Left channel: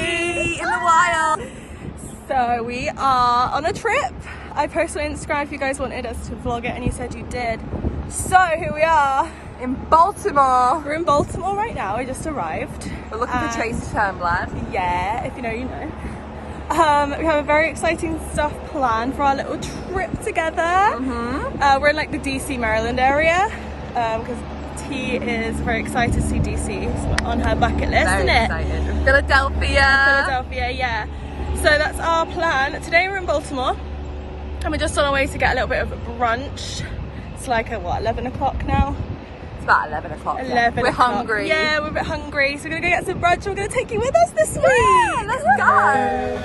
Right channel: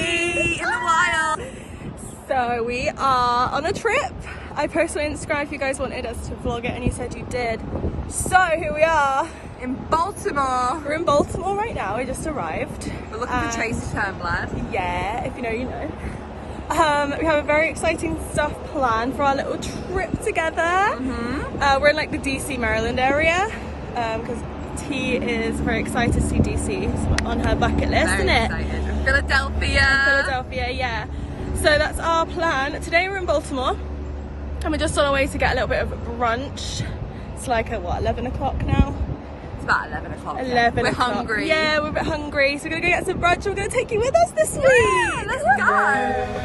tea in the wild. So we are on a trip. I posted on Instagram if you guys wanted us to vlog it and you said you did. So here we are in Baltimore. We're in Baltimore right now. We just arrived. We're looking for Tracy Turnblad. Yeah, if you know, you know. We have a very exciting stuff planned for our little trip together. We're in like the DC, Maryland area because T is very excited to see DC. It's on her bucket list, Very isn't it? excited. Philadelphia. Philadelphia, yeah. So that's our plan. Today we're in Baltimore and we're just on our way to get a little bit of brunch. It's like at what, 11 o'clock now? It's about 11 o'clock. 11 We're o'clock. hungry. Yeah, we're a bit hungry. So we're gonna go get some brunch. We're gonna take you with us this week. Yeah, let's go.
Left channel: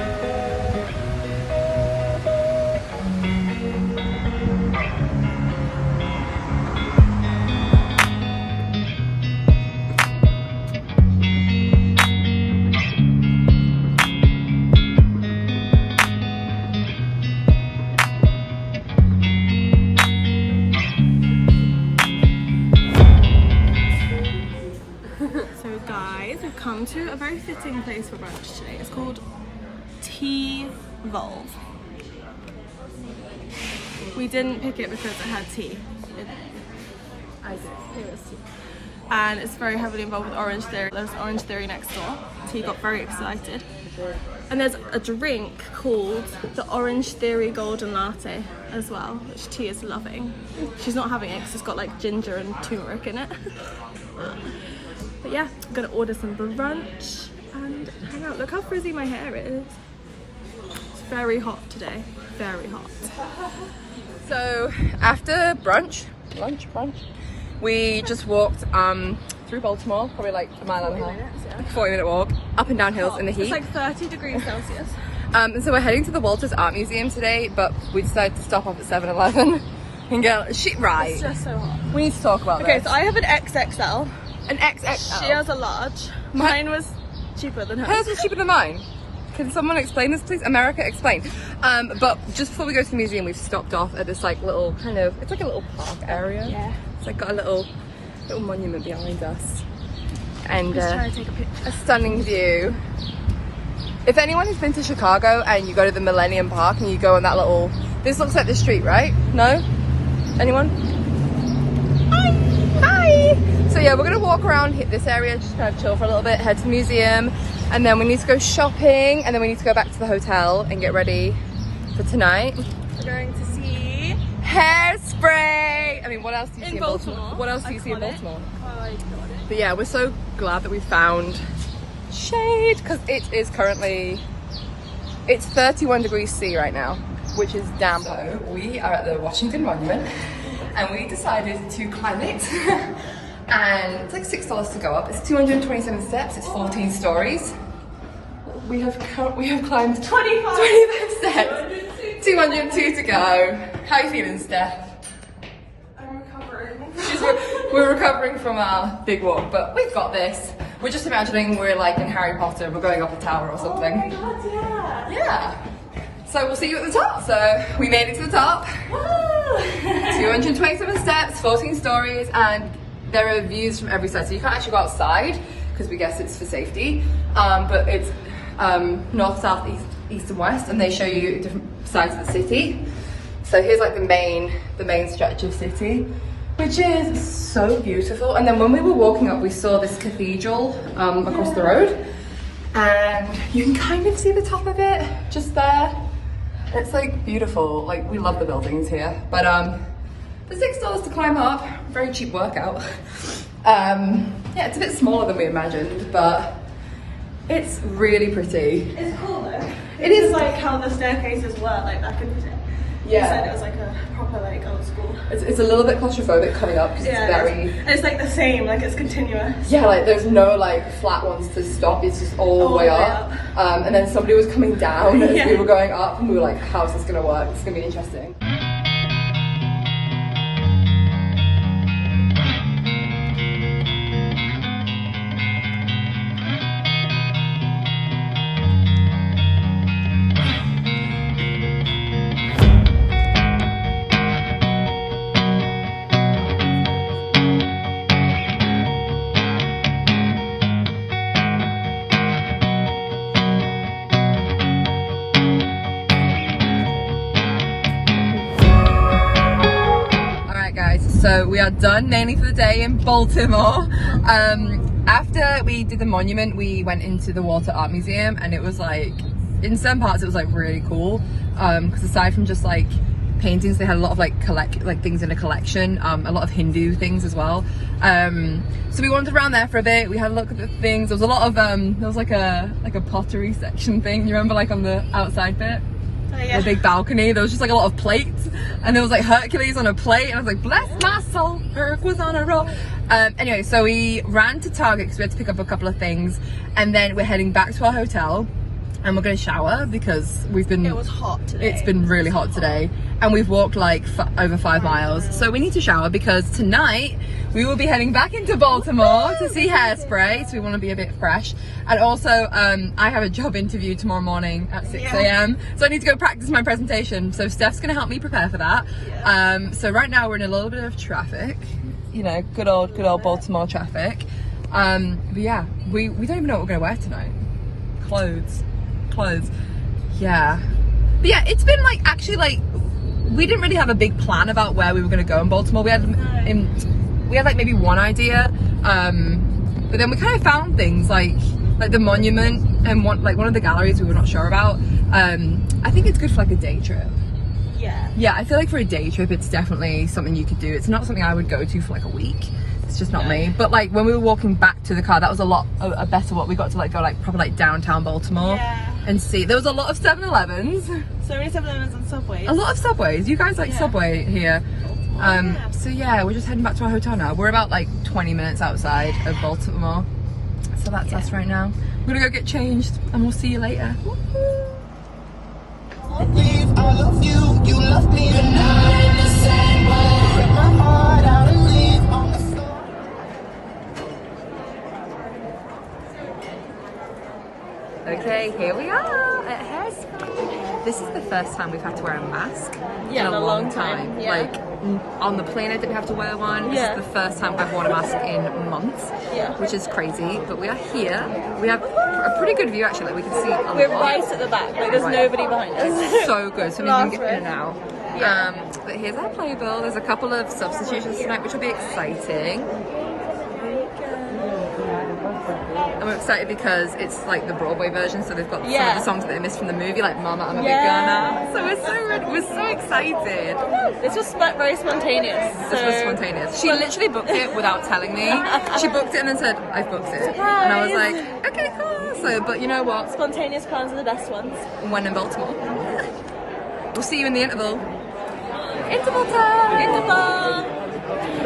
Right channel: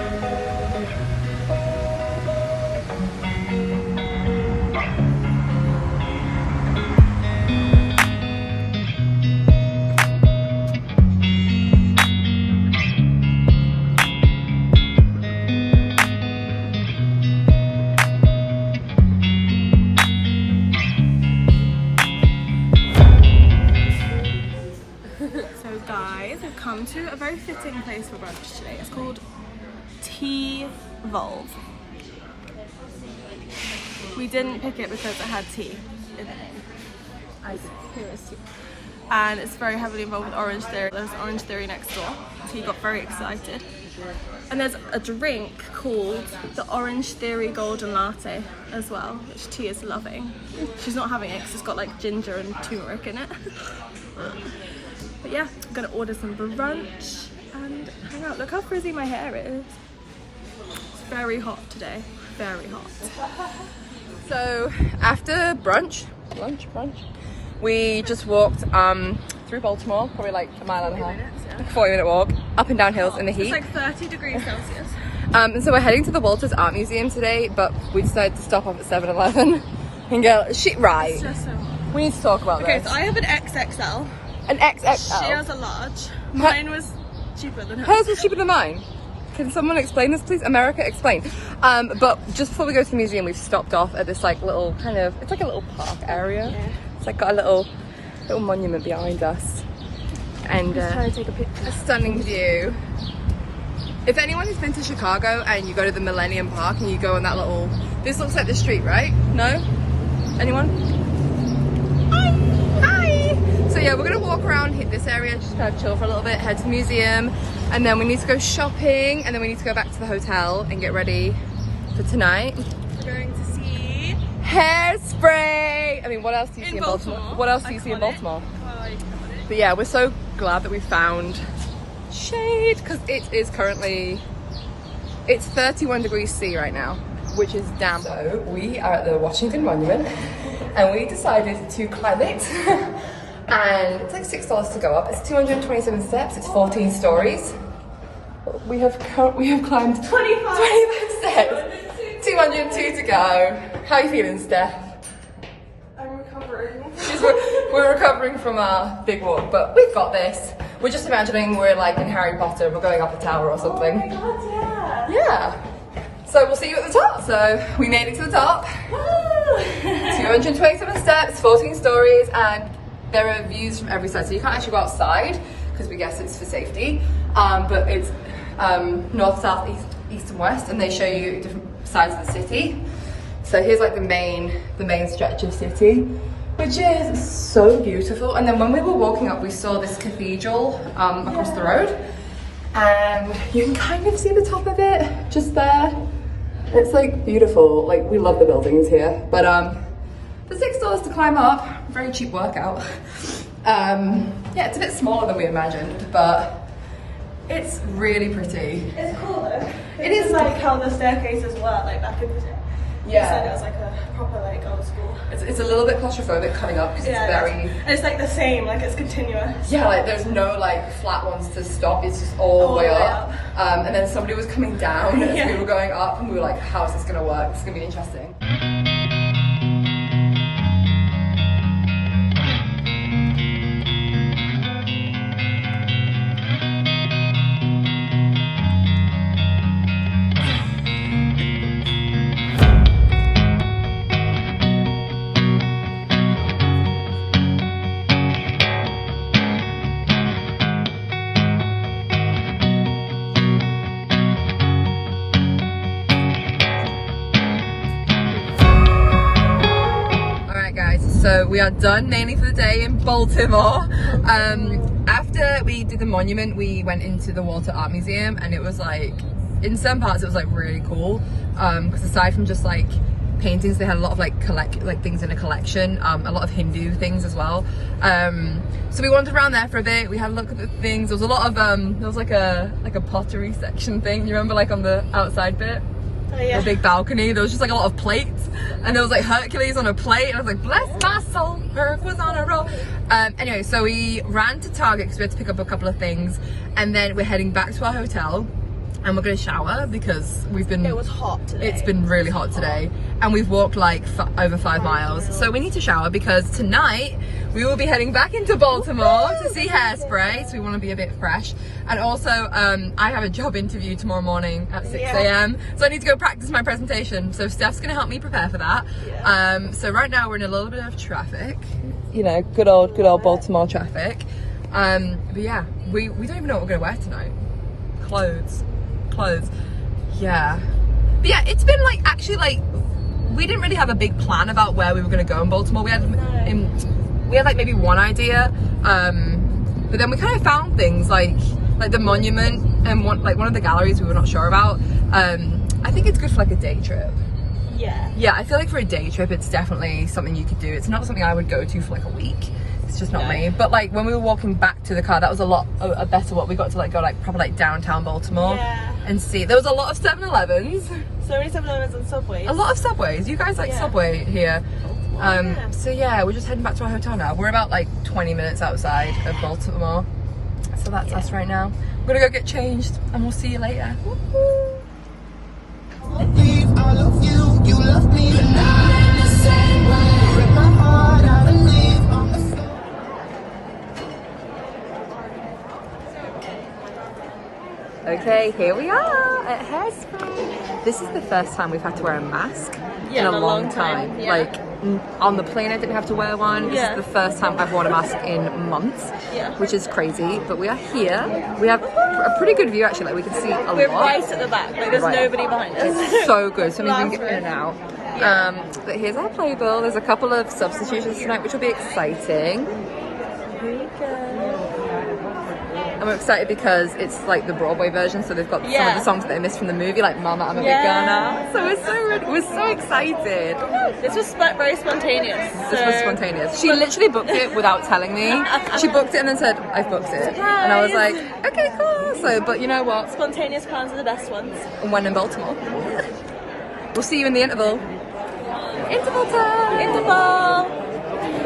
So guys, I've come to a very fitting place for brunch today. It's called Tea Volve. We didn't pick it because it had tea. I did. And it's very heavily involved with Orange Theory. There's Orange Theory next door, so he got very excited. And there's a drink called the Orange Theory Golden Latte as well, which T is loving. She's not having it because it's got like ginger and turmeric in it. But yeah, I'm gonna order some brunch and hang out. Look how frizzy my hair is. It's very hot today, very hot. So after brunch, we just walked through Baltimore, probably like a mile and a half, minutes, yeah. 40-minute walk, up and down hills in the heat. It's like 30 degrees Celsius. And so we're heading to the Walter's Art Museum today, but we decided to stop off at 7-Eleven and go, right, It's just so hot. we need to talk about Okay, this. so I have an XXL. An XXL. She has a large. Mine was cheaper than hers. Hers was cheaper than mine. Can someone explain this, please? America, explain. But just before we go to the museum, we've stopped off at this like little kind of, it's like a little park area. It's like got a little monument behind us. And Trying to take a picture. a stunning view. If anyone has been to Chicago and you go to the Millennium Park and you go on that little, this looks like the street, right? No? Anyone? Hi! So yeah, we're gonna walk around, hit this area, just kind of chill for a little bit, head to the museum, and then we need to go shopping, and then we need to go back to the hotel and get ready for tonight. We're going to see Hairspray! I mean, what else do you see in Baltimore. What else do you see in Iconic. Baltimore? Iconic. But yeah, we're so glad that we found shade, because it is currently, it's 31 degrees C right now, which is damn hot. So we are at the Washington Monument, and we decided to climb it. And it's like $6 to go up. It's 227 steps. It's 14 stories. We have climbed 25 steps. 202 to go. How are you feeling, Steph? I'm recovering. We're recovering from our big walk, but we've got this. We're just imagining we're like in Harry Potter. We're going up a tower or something. Oh my god, Yeah. So we'll see you at the top. So we made it to the top. yeah. 227 steps, 14 stories, and there are views from every side. So you can't actually go outside because we guess it's for safety. But it's north, south, east, and west, and they show you different sides of the city. So here's like the main stretch of city, which is so beautiful. And then when we were walking up, we saw this cathedral across the road, and you can kind of see the top of it just there. It's like beautiful. Like, we love the buildings here, but for $6 to climb up, very cheap workout. Yeah, it's a bit smaller than we imagined, but it's really pretty. It's cool though. It is like how the staircases were like back in the day. Yeah. So it was like a proper like old school. It's a little bit claustrophobic coming up because it's very. And it's like the same, like it's continuous. Yeah, like there's no like flat ones to stop. It's just all the way up. And then somebody was coming down as we were going up, and we were like, "How's this gonna work? It's gonna be interesting." So we are done mainly for the day in Baltimore. After we did the monument, we went into the Walter Art Museum, and it was like, in some parts it was like really cool, because aside from just like paintings, they had a lot of like things in a collection, a lot of Hindu things as well. So we wandered around there for a bit. We had a look at the things. There was a lot of there was like a pottery section thing. You remember, like on the outside bit? Oh, yeah. A big balcony. There was just like a lot of plates, and there was like Hercules on a plate, and I was like, bless my soul, Herc was on a roll. Anyway, so we ran to Target because we had to pick up a couple of things, and then we're heading back to our hotel, and we're going to shower because we've been, It was hot today. It's been really hot today, and we've walked like over 5 miles, so we need to shower because tonight we will be heading back into Baltimore to see Hairspray, so we want to be a bit fresh. And also I have a job interview tomorrow morning at 6 a.m, so I need to go practice my presentation, so Steph's going to help me prepare for that. So right now we're in a little bit of traffic, you know, good old Baltimore traffic. But yeah, we don't even know what we're going to wear tonight. Clothes, yeah. But yeah, it's been like, actually, like, we didn't really have a big plan about where we were going to go in Baltimore. We had like maybe one idea, but then we kind of found things like the monument and one of the galleries we were not sure about. I think it's good for like a day trip. Yeah, I feel like for a day trip it's definitely something you could do. It's not something I would go to for like a week. It's just not me. But like when we were walking back to the car, that was a better what we got to like go like proper like downtown Baltimore and see. There was a lot of 7-Elevens. So many 7-Elevens and Subways. A lot of Subways. You guys like Subway here. So yeah, we're just heading back to our hotel now. We're about like 20 minutes outside of Baltimore. So that's us right now. We're gonna go get changed and we'll see you later. I love you, you love me, you're not in the same way. Rip my heart out and leave on the floor. Okay, here we are at Hairspray. This is the first time we've had to wear a mask in a long time. Yeah. Like on the plane I didn't have to wear one. This is the first time I've worn a mask in months, which is crazy. But we are here. We have a pretty good view actually. Like we can see a We're lot. right at the back. Like there's nobody behind us. It's so good, so we can get in and out. But here's our playbill. There's a couple of substitutions tonight, which will be exciting. And we're excited because it's like the Broadway version, so they've got some of the songs that they missed from the movie, like Mama, I'm a Big Girl Now. So we're so ready. We're so excited. This was very spontaneous. This was spontaneous. She literally booked it without telling me. She booked it and then said, I've booked it. And I was like, okay, cool. So, but you know what? Spontaneous plans are the best ones. When in Baltimore. We'll see you in the interval. Interval time! Interval!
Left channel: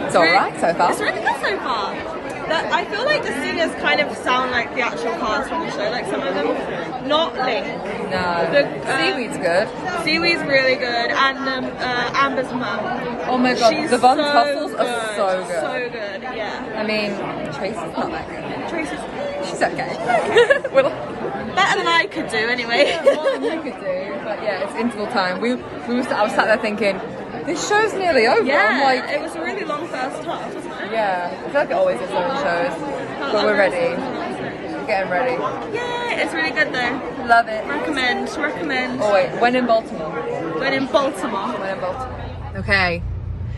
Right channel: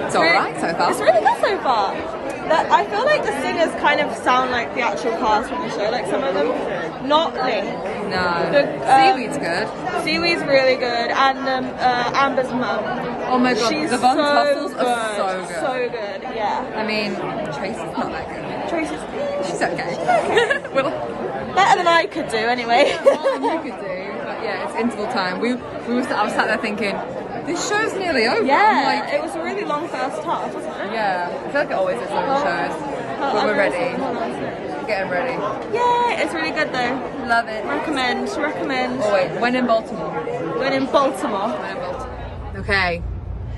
It's alright so far. It's really good so far. But I feel like the singers kind of sound like the actual cast from the show. Like some of them, not really. No. But, Seaweed's good. Seaweed's really good, and Amber's mum. Oh my god, She's the Von so Tussles are so good. So good, yeah. I mean, Tracy's not that good. Choices. She's okay. We're like, Better than I could do, anyway. yeah, more than you could do. But yeah, it's interval time. I was sat there thinking, this show's nearly over. Yeah, I'm like, it was a really long first half, wasn't it? yeah, I feel like it always is so in shows. But we're ready. We're getting ready. Yeah, it's really good though. Love it. Recommend. Oh wait, when in Baltimore? We're in Baltimore. When in Baltimore. Okay,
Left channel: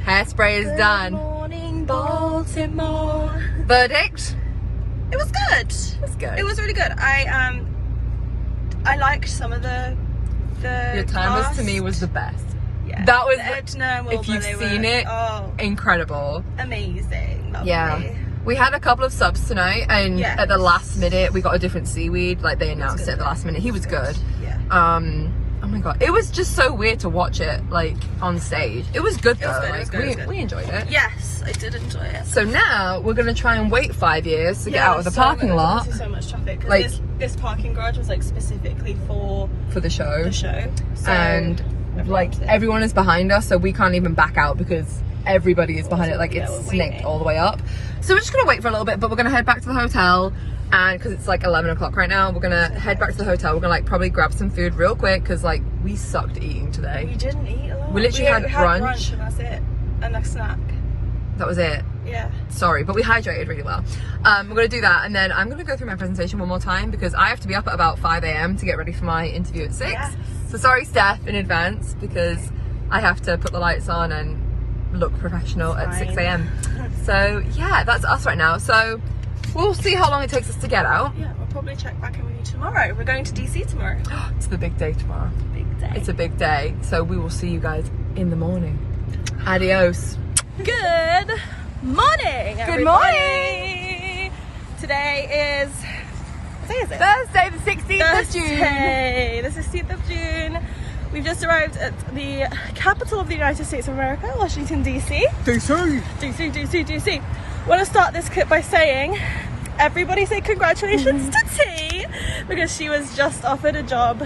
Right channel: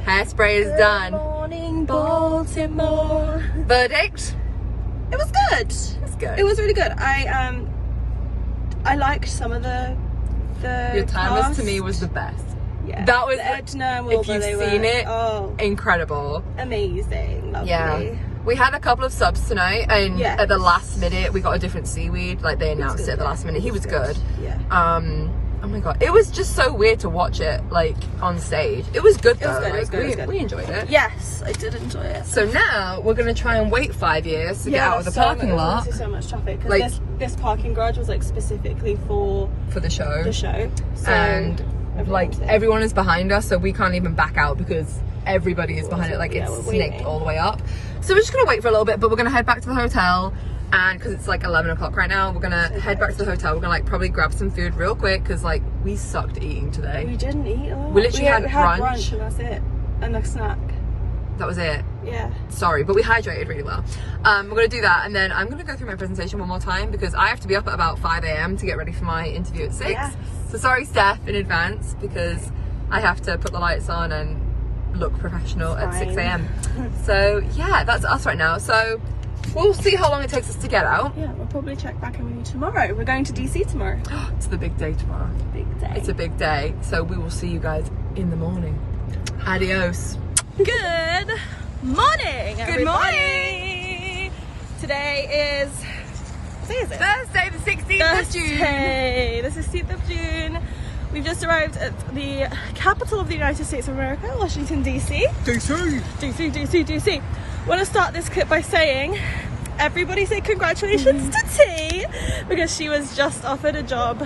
Hairspray is done. Morning Baltimore. Verdict? It was good. It's good. It was really good. I liked some of the Your Timeless cast. to me was the best. Yeah. That was, Edna and if Wilbur, you've they seen were, it, oh, incredible. amazing. Lovely. Yeah. We had a couple of subs tonight, and at the last minute we got a different Seaweed. Like they announced it at the last minute. He was good. Yeah. Oh my god, it was just so weird to watch it like on stage. It was good though. We enjoyed it. Yes, I did enjoy it. So now we're gonna try and wait 5 years to get out of the parking lot So much traffic. 'Cause Like- this parking garage was like specifically for for the show. the show. So And like everyone is behind us, so we can't even back out because everybody is behind it. Like it's we're snaked waiting. all the way up. So we're just gonna wait for a little bit, but we're gonna head back to the hotel. And because it's like 11 o'clock right now, we're gonna head back to the hotel. We're gonna like probably grab some food real quick because like we sucked eating today. we didn't eat. We literally had brunch. and that's it, and a snack. That was it. Yeah. Sorry, but we hydrated really well. We're gonna do that, and then I'm gonna go through my presentation one more time because I have to be up at about 5 a.m. to get ready for my interview at 6. Yes. So sorry, Steph, in advance, because I have to put the lights on and look professional at 6 a.m. So yeah, that's us right now. So we'll see how long it takes us to get out. Yeah, we'll probably check back in with you tomorrow. We're going to DC tomorrow. It's the big day tomorrow. Big day. It's a big day. So we will see you guys in the morning. Adios. Good morning, Good morning. Today is, what day is it? Thursday the 16th of June. Thursday, the 16th of June. We've just arrived at the capital of the United States of America, Washington, DC. DC. I want to start this clip by saying, everybody say congratulations to T, because she was just offered a job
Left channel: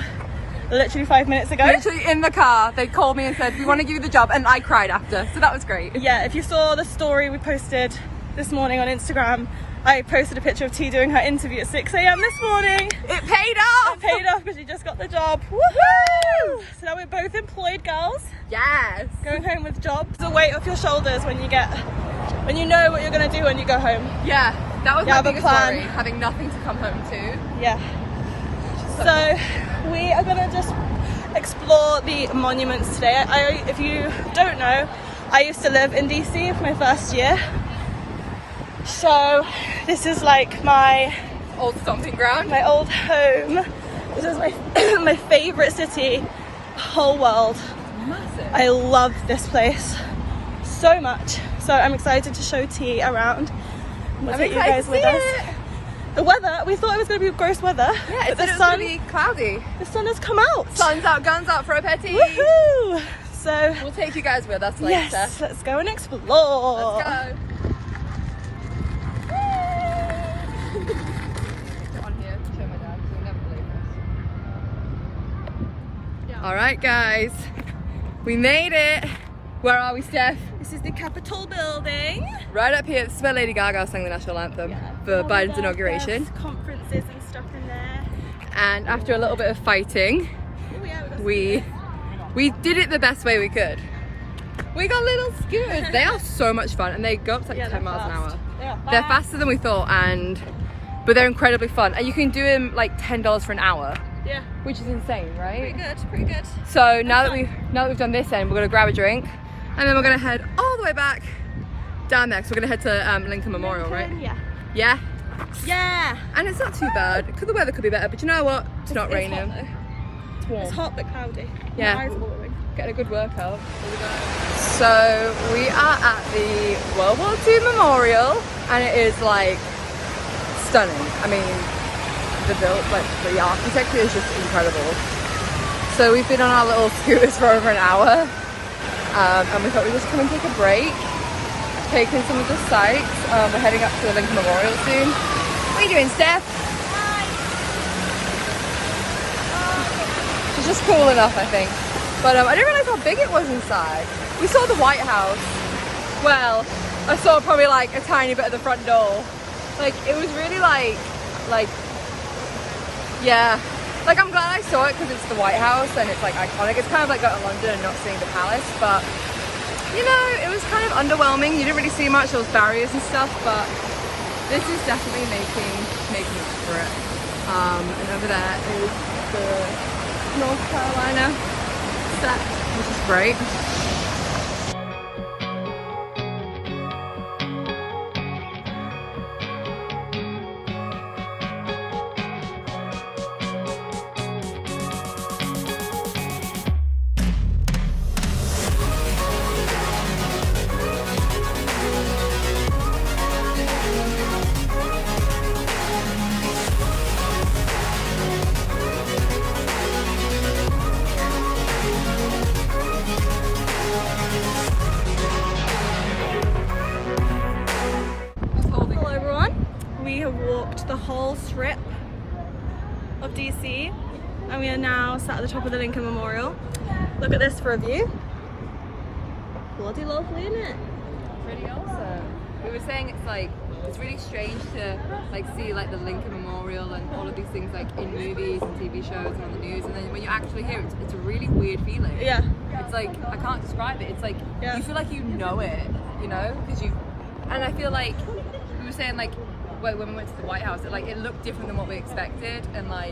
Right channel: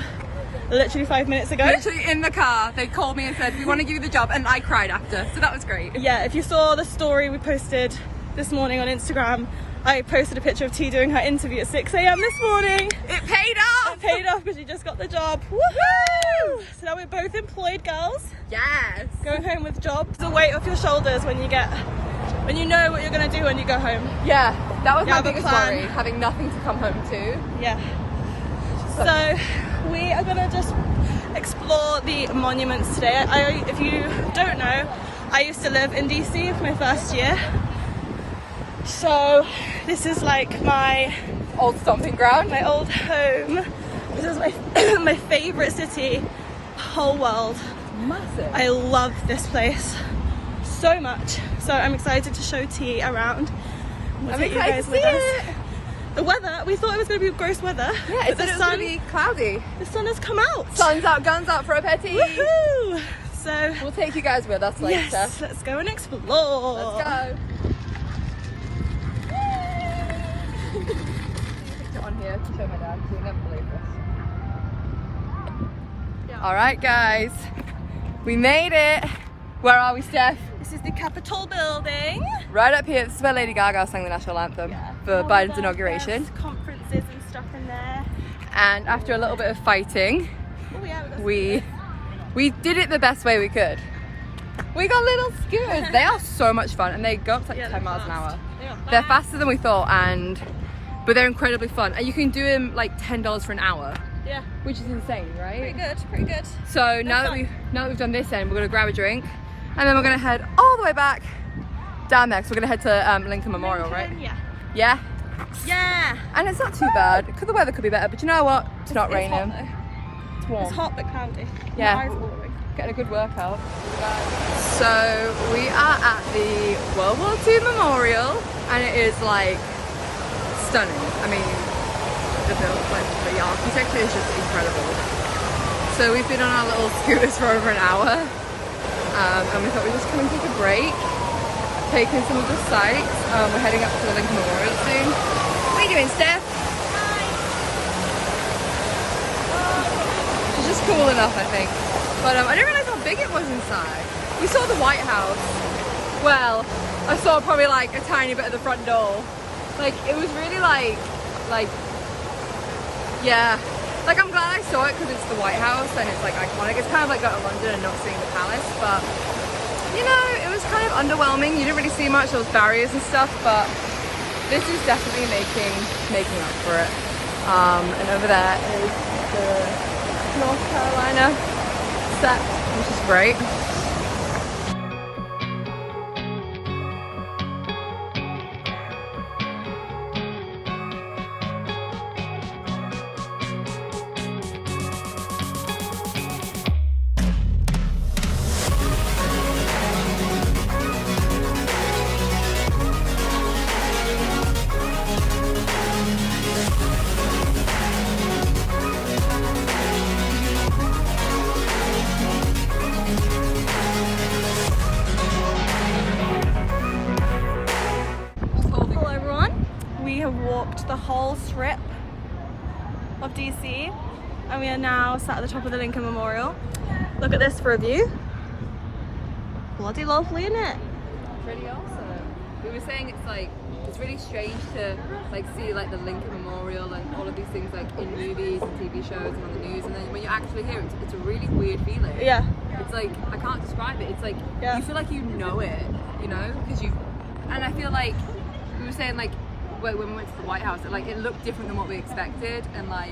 literally 5 minutes ago. Literally in the car, they called me and said, we want to give you the job, and I cried after, so that was great. Yeah, if you saw the story we posted this morning on Instagram, I posted a picture of T doing her interview at 6 a.m. this morning. It paid off! It paid off because she just got the job. Woohoo! So now we're both employed girls. Yes! Going home with jobs. The weight off your shoulders when you know what you're going to do when you go home. Yeah, that was You my have a biggest plan. worry, having nothing to come home to. Yeah. So we are going to just explore the monuments today. If you don't know, I used to live in DC for my first year. So this is like my Old stomping ground. my old home. This is my my favorite city, whole world. Massive. I love this place so much. So I'm excited to show T around. We'll take you guys with us. The weather, we thought it was going to be gross weather, but the sun, be cloudy. the sun has come out. Sun's out, guns out for a petty. Woohoo! So We'll take you guys with us later. yes, let's go and explore. Let's go. All right, guys, we made it. Where are we, Steph? This is the Capitol building. Right up here. This is where Lady Gaga sang the national anthem for All Biden's the inauguration. best conferences and stuff in there. And after a little bit of fighting, Oh yeah. we did it the best way we could. We got little scooters. They are so much fun, and they go up to like 10 miles an hour. Yeah. They're faster than we thought, but they're incredibly fun. And you can do them like $10 for an hour, Yeah. which is insane, right? Pretty good. So now that we've done this end, we're gonna grab a drink, and then we're gonna head all the way back down there. So we're gonna head to Lincoln Memorial, right? Yeah. Yeah. Yeah. And it's not too bad. The weather could be better, but you know what? It's not raining. Hot, though. It's warm. It's hot but cloudy. Yeah. My eyes are watering. Getting a good workout with the guys. So we are at the World War II Memorial, and it is like stunning. I mean, the architecture is just incredible. So we've been on our little scooters for over an hour, and we thought we'd just come and take a break, take in some of the sights. We're heading up to the Lincoln Memorial soon. What are you doing, Steph? It's just cool enough, I think. But I didn't realize how big it was inside. We saw the White House. Well, I saw probably like a tiny bit of the front door. Like, it was really like, yeah. Like, I'm glad I saw it because it's the White House and it's like iconic. It's kind of like going to London and not seeing the palace, but you know, it was kind of underwhelming. You didn't really see much, there was barriers and stuff, but this is definitely making up for it. And over there is the North Carolina set, which is great. The whole strip of DC, and we are now sat at the top of the Lincoln Memorial. Look at this for a view. Bloody lovely, isn't it? Pretty awesome. We were saying it's really strange to like see like the Lincoln Memorial and all of these things like in movies and TV shows and on the news, and then when you actually hear it, it's a really weird feeling. Yeah. It's like, I can't describe it. It's like, you feel like you know it, you know? And I feel like, we were saying like, when we went to the White House, it looked different than what we expected, and like,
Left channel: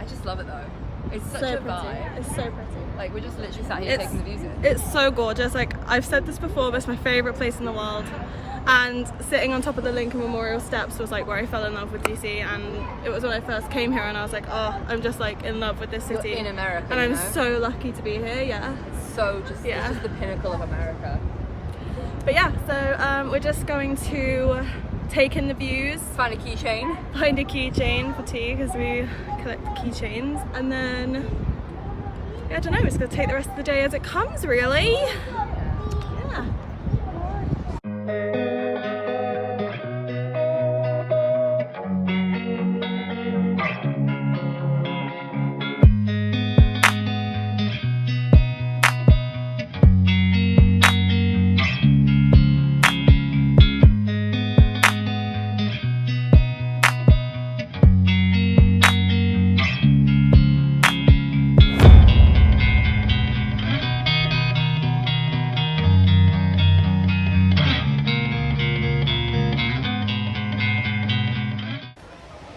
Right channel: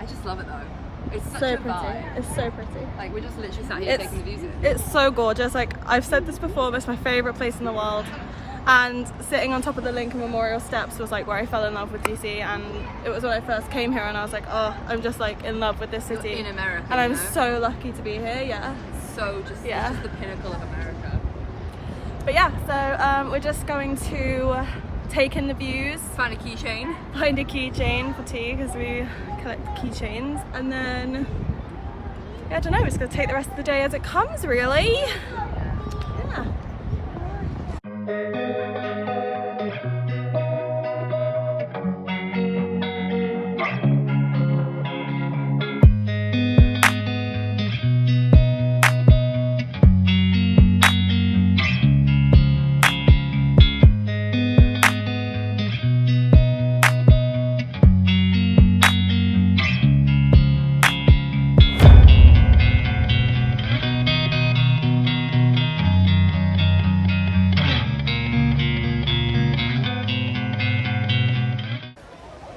I just love it though. It's such So a pretty. vibe. It's so pretty. Like we're just literally sat here It's, taking views. it's so gorgeous. Like I've said this before, but it's my favourite place in the world. And sitting on top of the Lincoln Memorial steps was like where I fell in love with DC, and it was when I first came here and I was like, oh, I'm just like in love with this city. In America, and I'm you know? so lucky to be here, yeah. So just, Yeah. it's just the pinnacle of America. But yeah, so we're just going to take in the views, Find a keychain. find a keychain for tea because we collect keychains, and then yeah, I don't know, we're just gonna take the rest of the day as it comes, really. Yeah.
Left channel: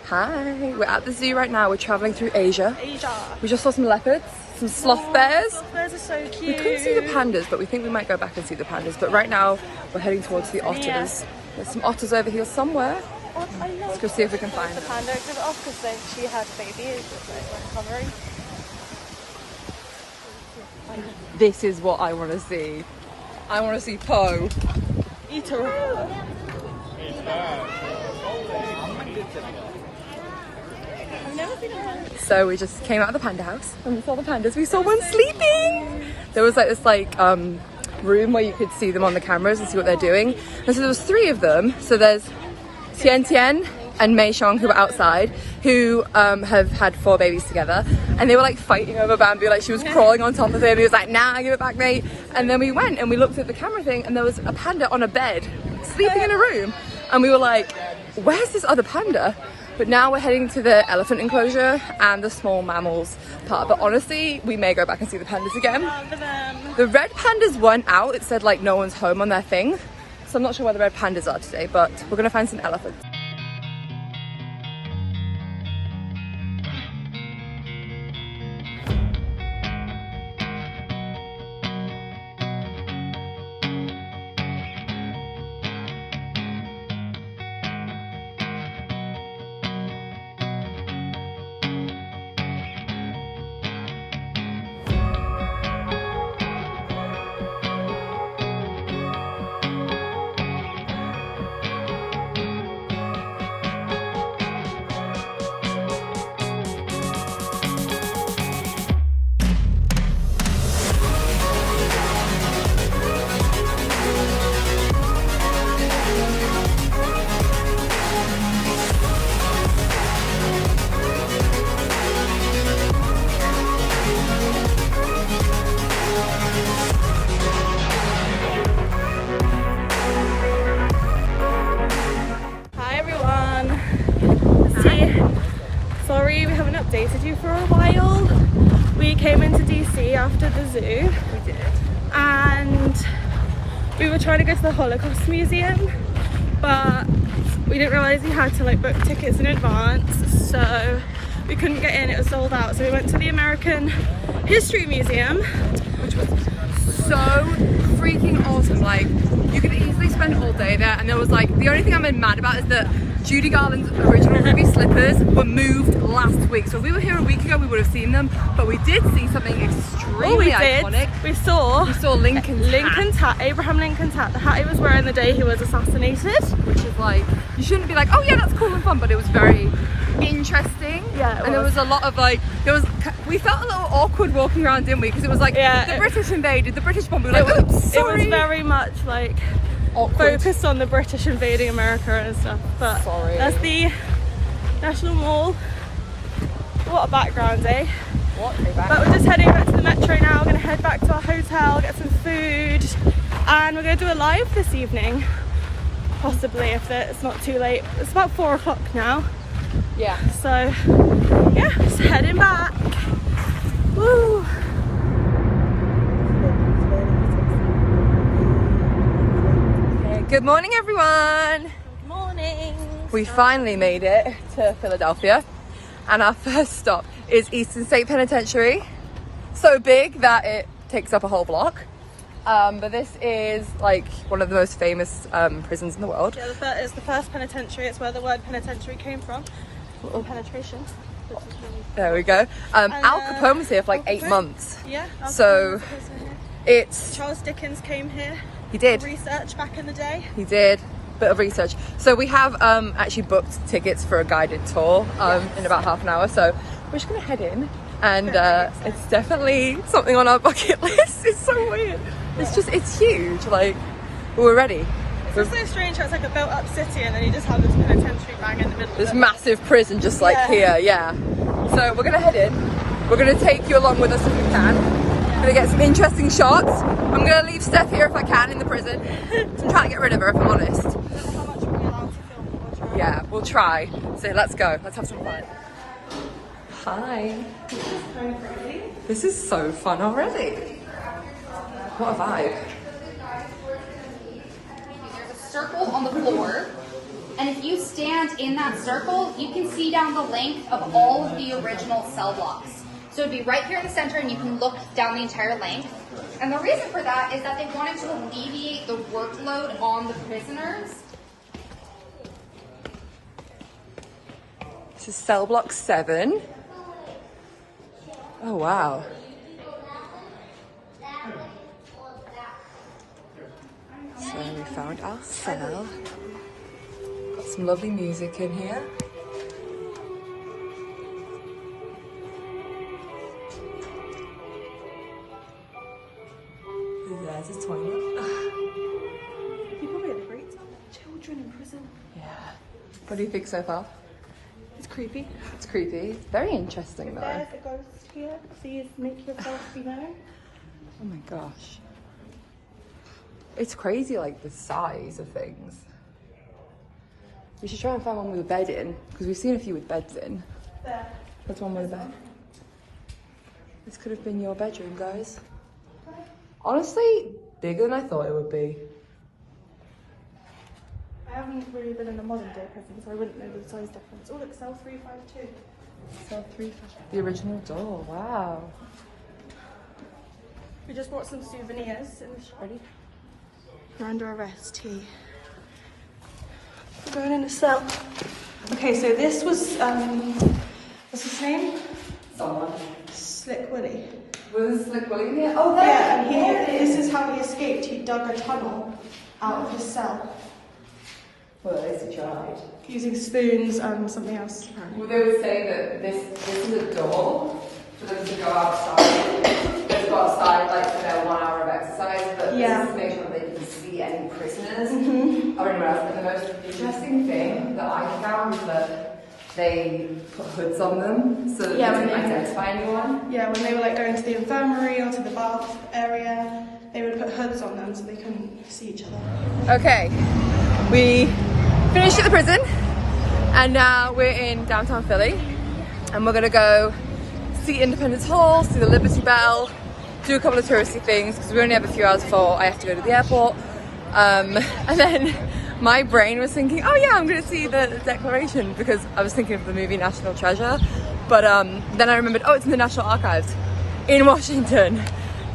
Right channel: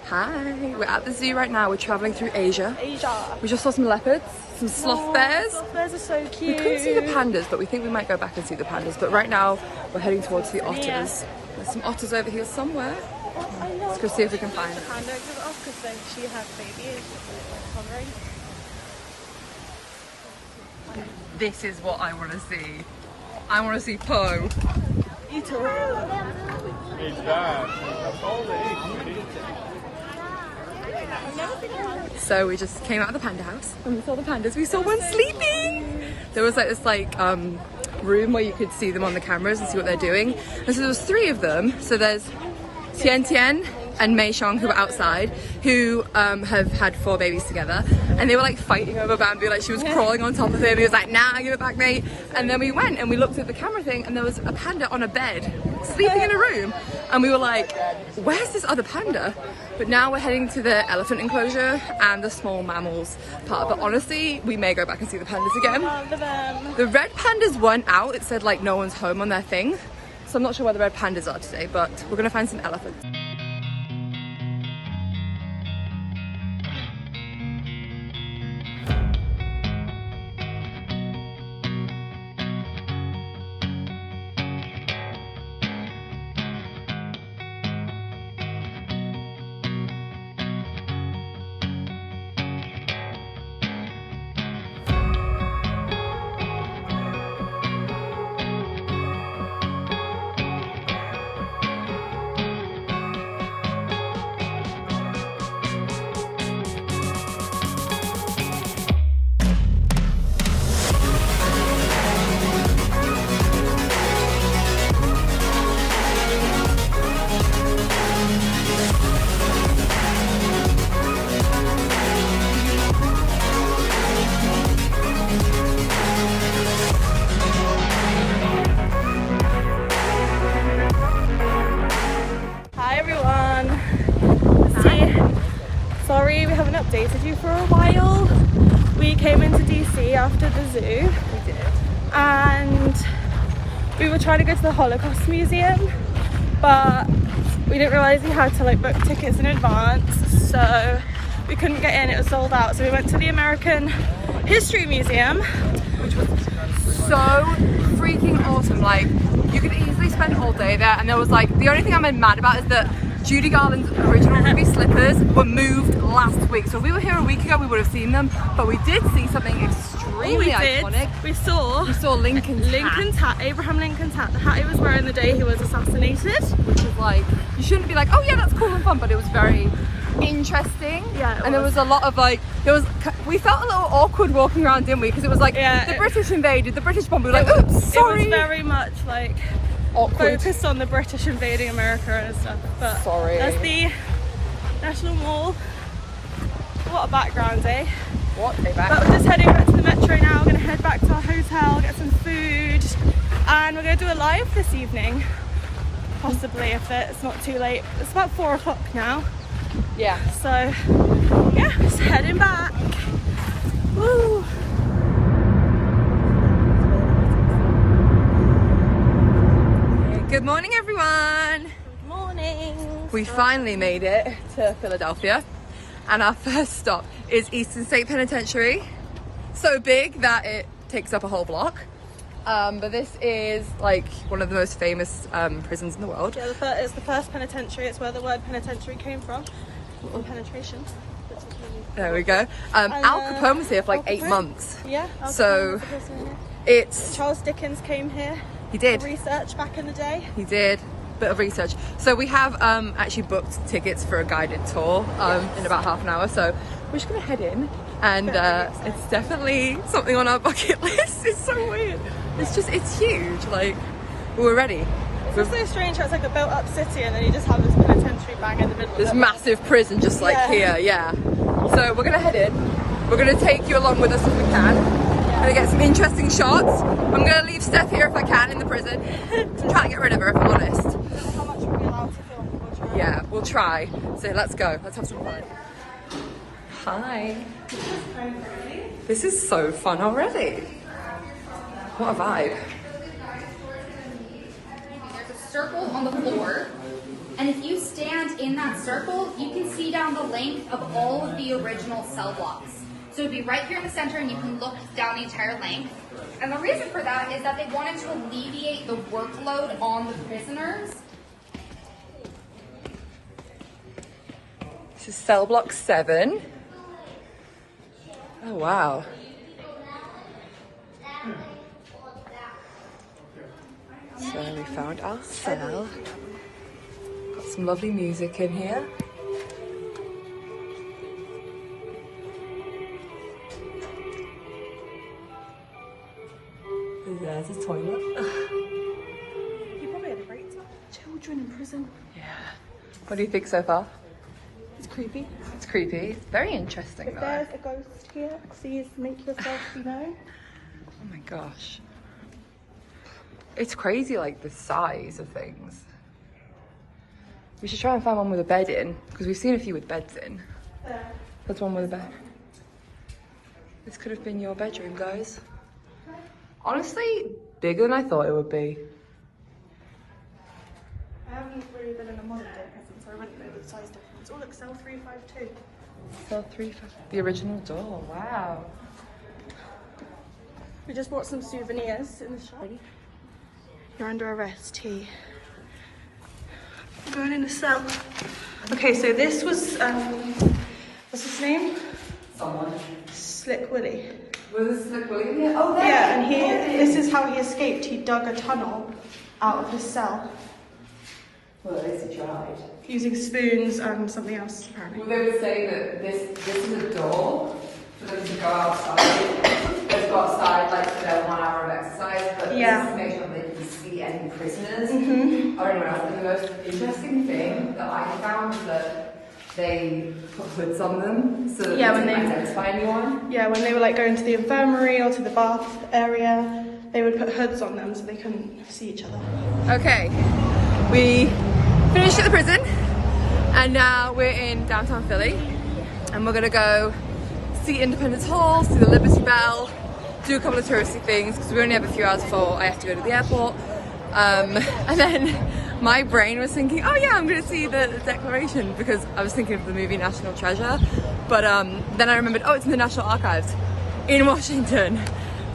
Hi, we're at the zoo right now. We're traveling through Asia. Asia. We just saw some leopards, some sloth bears. Sloth bears are so We cute. couldn't see the pandas, but we think we might go back and see the pandas. But right now, we're heading towards the otters. Yeah. There's some otters over here somewhere. I love Let's go see if we can find them. panda because often she had babies recovering. This is what I want to see. I want to see Poe. Eat her. So we just came out of the panda house and we saw the pandas. We saw one sleeping. There was like this room where you could see them on the cameras and see what they're doing. And so there was 3 of them. So there's Tian Tian and Mei Xiong, who were outside, who have had 4 babies together, and they were like fighting over Bamboo. Like she was crawling on top of him. He was like, "Nah, give it back, mate." And then we went and we looked at the camera thing, and there was a panda on a bed, sleeping in a room. And we were like, "Where's this other panda?" But now we're heading to the elephant enclosure and the small mammals part. But honestly, we may go back and see the pandas again. Love them. The red pandas weren't out. It said like no one's home on their thing. So I'm not sure where the red pandas are today, but we're gonna find some elephants. Sorry we haven't updated you for a while. We came into DC after the zoo and we were trying to go to the Holocaust Museum, but we didn't realise you had to like book tickets in advance, so we couldn't get in, it was sold out. So we went to the American History Museum, Which was so freaking awesome. Like you could easily spend all day there, and there was like, the only thing I'm mad about is that Judy Garland's original ruby slippers were moved last week. So if we were here a week ago, we would have seen them, but we did see something extremely iconic. We saw Lincoln's hat. Abraham Lincoln's hat, the hat he was wearing the day he was assassinated. Which is like, you shouldn't be like, oh yeah, that's cool and fun, but it was very interesting. Yeah, it and there was a lot of like, we felt a little awkward walking around, didn't we? Because it was like, the British invaded, the British bomb, we were like, oops, sorry. It was very much like focused on the British invading America and stuff, but that's the National Mall. What a background, eh? But we're just heading back to the metro now. We're going to head back to our hotel, get some food, and we're going to do a live this evening, possibly, if it's not too late. It's about 4 o'clock now. Yeah. So yeah, just heading back. Woo! Good morning, everyone. Good morning. We finally made it to Philadelphia. And our first stop is Eastern State Penitentiary. So big that it takes up a whole block. But this is like one of the most famous prisons in the world. So it's the first penitentiary. It's where the word penitentiary came from. Or penetration. There we go. Al Capone was here for like 8 months. Yeah. So it's... Charles Dickens came here. He did. For research back in the day. He did. Bit of research. So we have actually booked tickets for a guided tour in about half an hour. So we're just gonna head in, and it's definitely something on our bucket list. It's so weird. It's just, it's huge. Like, we're ready. It's so strange how it's like a built up city and then you just have this penitentiary bang in the middle. This massive prison just like here, yeah. So we're gonna head in. We're gonna take you along with us if we can. Gonna get some interesting shots. I'm gonna leave Steph here if I can in the prison. I'm trying to get rid of her if I'm honest. Yeah, we'll try. So let's go. Let's have some fun. Hi. This is so fun already. What a vibe. Circle on the floor, and if you stand in that circle, you can see down the length of all of the original cell blocks. So it'd be right here in the center, and you can look down the entire length. And the reason for that is that they wanted to alleviate the workload on the prisoners. This is cell block 7. Oh wow. So we found our cell. Got some lovely music in here. There's a toilet. People are great. Children in prison. Yeah. What do you think so far? It's creepy. It's creepy. It's very interesting though. There's a ghost here. Please make yourself known. Oh my gosh. It's crazy, like the size of things. We should try and find one with a bed in, because we've seen a few with beds in. Yeah. That's one with a bed. This could have been your bedroom, guys. Honestly, bigger than I thought it would be. I haven't really been in a modern day prison, so I wouldn't know the size difference. Oh look, cell 352. Cell 352. The original door, wow. We just bought some souvenirs in the shop. You're under arrest, T. We're going in the cell. Okay, so this was, what's his name? Someone. Slick Willy. Was Slick Willy in here? Oh, there. Yeah, and this is how he escaped. He dug a tunnel out of his cell. Well, at least he tried. Using spoons and something else, apparently. Well, they were saying that this is a door for them to go outside. They go outside like for their 1 hour of exercise, but Yeah. this is to make sure that they can see any prisoners. Or anyone else. And the most interesting thing that I found is that they put hoods on them so that Yeah, they when didn't they- identify anyone. Yeah, when they were like going to the infirmary or to the bath area, they would put hoods on them so they couldn't see each other. Okay, we finished at the prison and now we're in downtown Philly and we're gonna go see Independence Hall, see the Liberty Bell, do a couple of touristy things because we only have a few hours before I have to go to the airport. And then my brain was thinking, oh yeah, I'm gonna see the Declaration because I was thinking of the movie National Treasure. But then I remembered, oh, it's in the National Archives in Washington.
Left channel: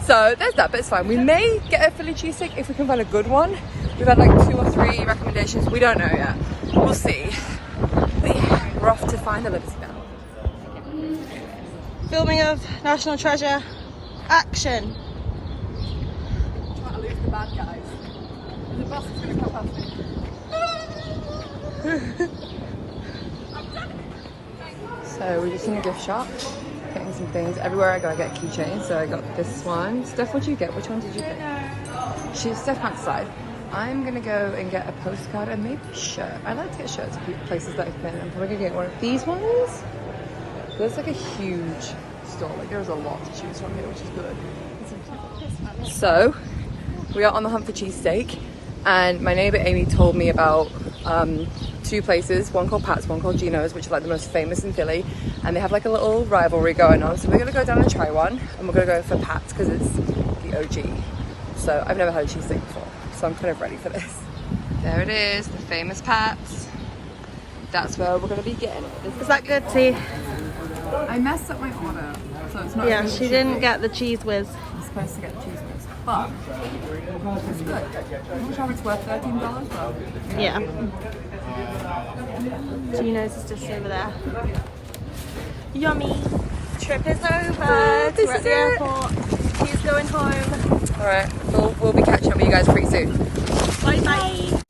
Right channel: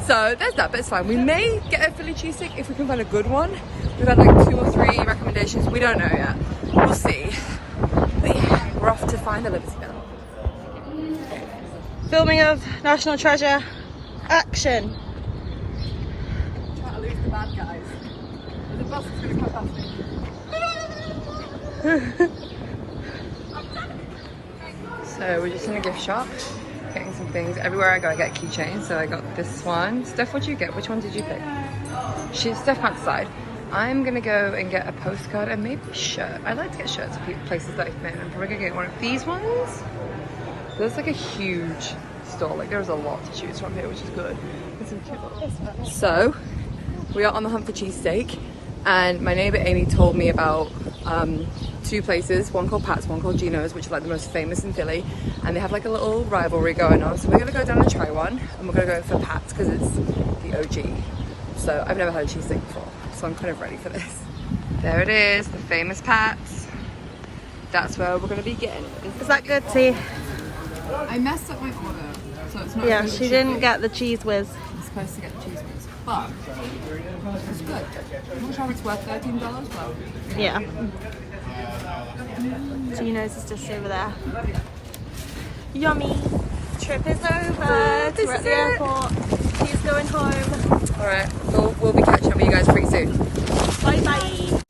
So there's that, but it's fine. We may get a Philly cheesesteak if we can find a good one. We've had like 2 or 3 recommendations. We don't know yet. We'll see. But yeah, we're off to find the Liberty Bell. Filming of National Treasure. Action. Try to lose the bad guys. The bus is gonna come past me. So we're just in a gift shop, getting some things. Everywhere I go I get keychains, so I got this one. Steph, what did you get? Which one did you pick? Steph can't decide. I'm gonna go and get a postcard and maybe a shirt. I like to get shirts for places that I've been. I'm probably gonna get one of these ones. There's like a huge store, like there's a lot to choose from here, which is good. It's some cute little... So, we are on the hunt for cheesesteak, and my neighbour Amy told me about 2 places, one called Pat's, one called Gino's, which are like the most famous in Philly, and they have like a little rivalry going on. So we're gonna go down and try one, and we're gonna go for Pat's because it's the OG. So I've never had a cheesesteak before, so I'm kind of ready for this. There it is, the famous Pat's. That's where we're gonna be getting it. Is that good, T? I messed up my order, so it's not. Yeah, as good as she it should didn't be. get the cheese whiz. I'm supposed to get the cheese whiz, but it's good. I'm not sure if it's worth $13, but Yeah. Tino's is just over there. Yummy. Trip is over. This We're at is the it. airport. He's going home. all right, we'll be catching up with you guys pretty soon. Bye bye.